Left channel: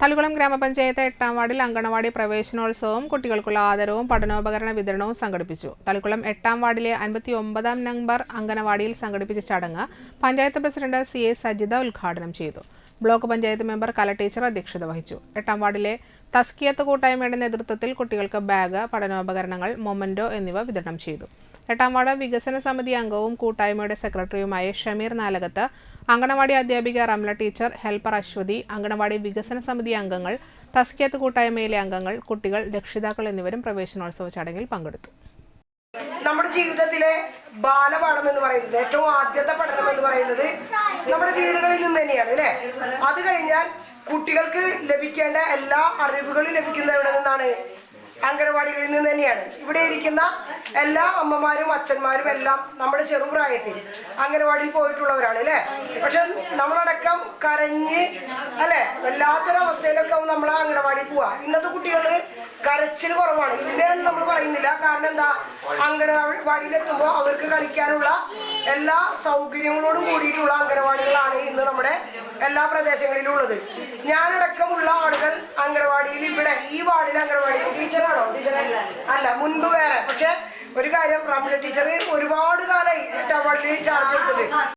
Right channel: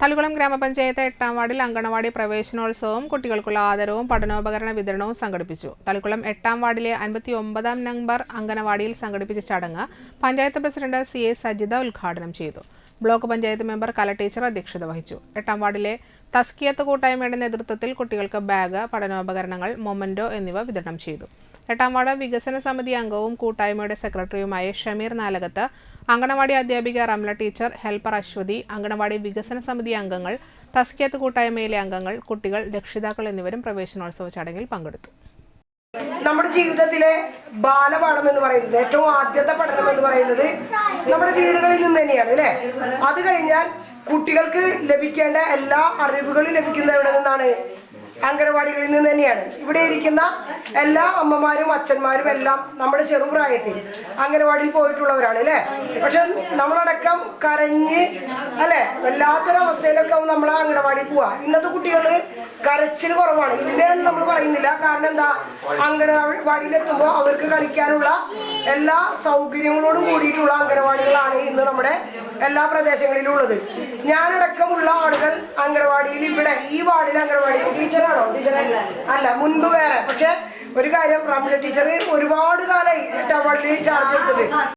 തളികുളം ഗ്രാമപഞ്ചായത്ത് 8ാം വാർഡിൽ അങ്കണവാടി പ്രവേശനോത്സവവും കുട്ടികൾക്കുള്ള ആദരവും പഠനോപകരണ വിതരണവും സംഘടിപ്പിച്ചു. തളികുളം 8ാം വാർഡിലെ 59ാം നമ്പർ അങ്കണവാടിയിൽ സംഘടിപ്പിച്ച ചടങ്ങ് പഞ്ചായത്ത് പ്രസിഡന്റ് CA സജിത ഉദ്ഘാടനം ചെയ്തു. ബ്ലോക്ക് പഞ്ചായത്ത് മെമ്പർ കല ടീച്ചർ അധ്യക്ഷത വഹിച്ചു. 8ാം വാർഡിലെ തസ്കിയത്ത് കൂട്ടായ്മയുടെ നേതൃത്വത്തിൽ കുട്ടികൾക്ക് ബാഗ്, പഠനോപകരണങ്ങൾ, മൊമന്റോ എന്നിവ വിതരണം ചെയ്തു. 8ാം വാർഡ് വികസന സമിതി അംഗവും കൂട്ടായ്മയുടെ സെക്രട്ടറിയുമായ ഷമീർ നാലകത്ത്, അങ്കണവാടി അധ്യാപിക റംല ടീച്ചർ, ഹെൽപ്പർ അശ്വതി, അങ്കണവാടി വികസന സമിതി അംഗങ്ങൾ, തസ്കിയത്ത് കൂട്ടായ്മയിലെ അംഗങ്ങൾ, കുട്ടികൾ, രക്ഷിതാക്കൾ എന്നിവരും പ്രവേശനോത്സവ ചടങ്ങിൽ പങ്കെടുത്തു. നമ്മുടെ ജീവിതത്തിലെ ബാലപാഠം എന്ന് പറയുന്നത്, ഏറ്റവും ആദ്യത്തെ പഠനം എന്ന് പറയുന്നത് നമ്മുടെ വീടുകളിൽ നിന്ന് തന്നെയാണ് അല്ലേ. അത് കഴിഞ്ഞാൽ കുട്ടികൾക്ക് ലഭിക്കേണ്ട എല്ലാ അറിവുകളും ലഭിക്കുന്നത് എവിടെ നിന്നാണ്? അംഗനവാടികളിൽ നിന്ന് തന്നെയാണ്. ഇവിടെ ഇരിക്കുന്ന എല്ലാ അമ്മമാരും അച്ഛന്മാരും എല്ലാം നമ്മുടെ ചെറുപ്രായത്തിൽ അംഗനവാടിയിൽ പോയിട്ടുള്ളവരാണ് അല്ലേ. പക്ഷെ നമ്മളടക്കം കരഞ്ഞ് അല്ലെ വല്ലാത്തൊരവസ്ഥയിലൊക്കെ നമ്മൾ അംഗനവാടിയിൽ പോവാ. ഇന്നത്തെ കുട്ടികൾ കരച്ചിൽ കുറവാണ്, ഇല്ലെന്ന് നമ്മൾ പറയുന്നില്ല. കാരണം എന്താ, അംഗനവാടിയിലെത്തുമ്പോൾ അവർക്ക് കളിക്കാനുള്ള എല്ലാ സൗകര്യങ്ങളോടും കൂടിയിട്ടുള്ള അംഗനവാടികളാണ് ഇന്ന് നമ്മുടെ എല്ലാ പ്രദേശങ്ങളിലും ഉള്ളത്. ഞാനടക്കമുള്ള ആളുകൾ അംഗനവാടിയിൽ, ഇവിടെ ഈ വാർഡിൽ അംഗനവാടി ടീച്ചറാണോ? അല്ല, മുൻപ് വേറെ. പക്ഷെ ഒരു കാര്യം, റംല ടീച്ചർ ഒരുപാട് കാലമായി 8ാം വാർഡിൽ ചാർജ് എടുത്തിട്ട്.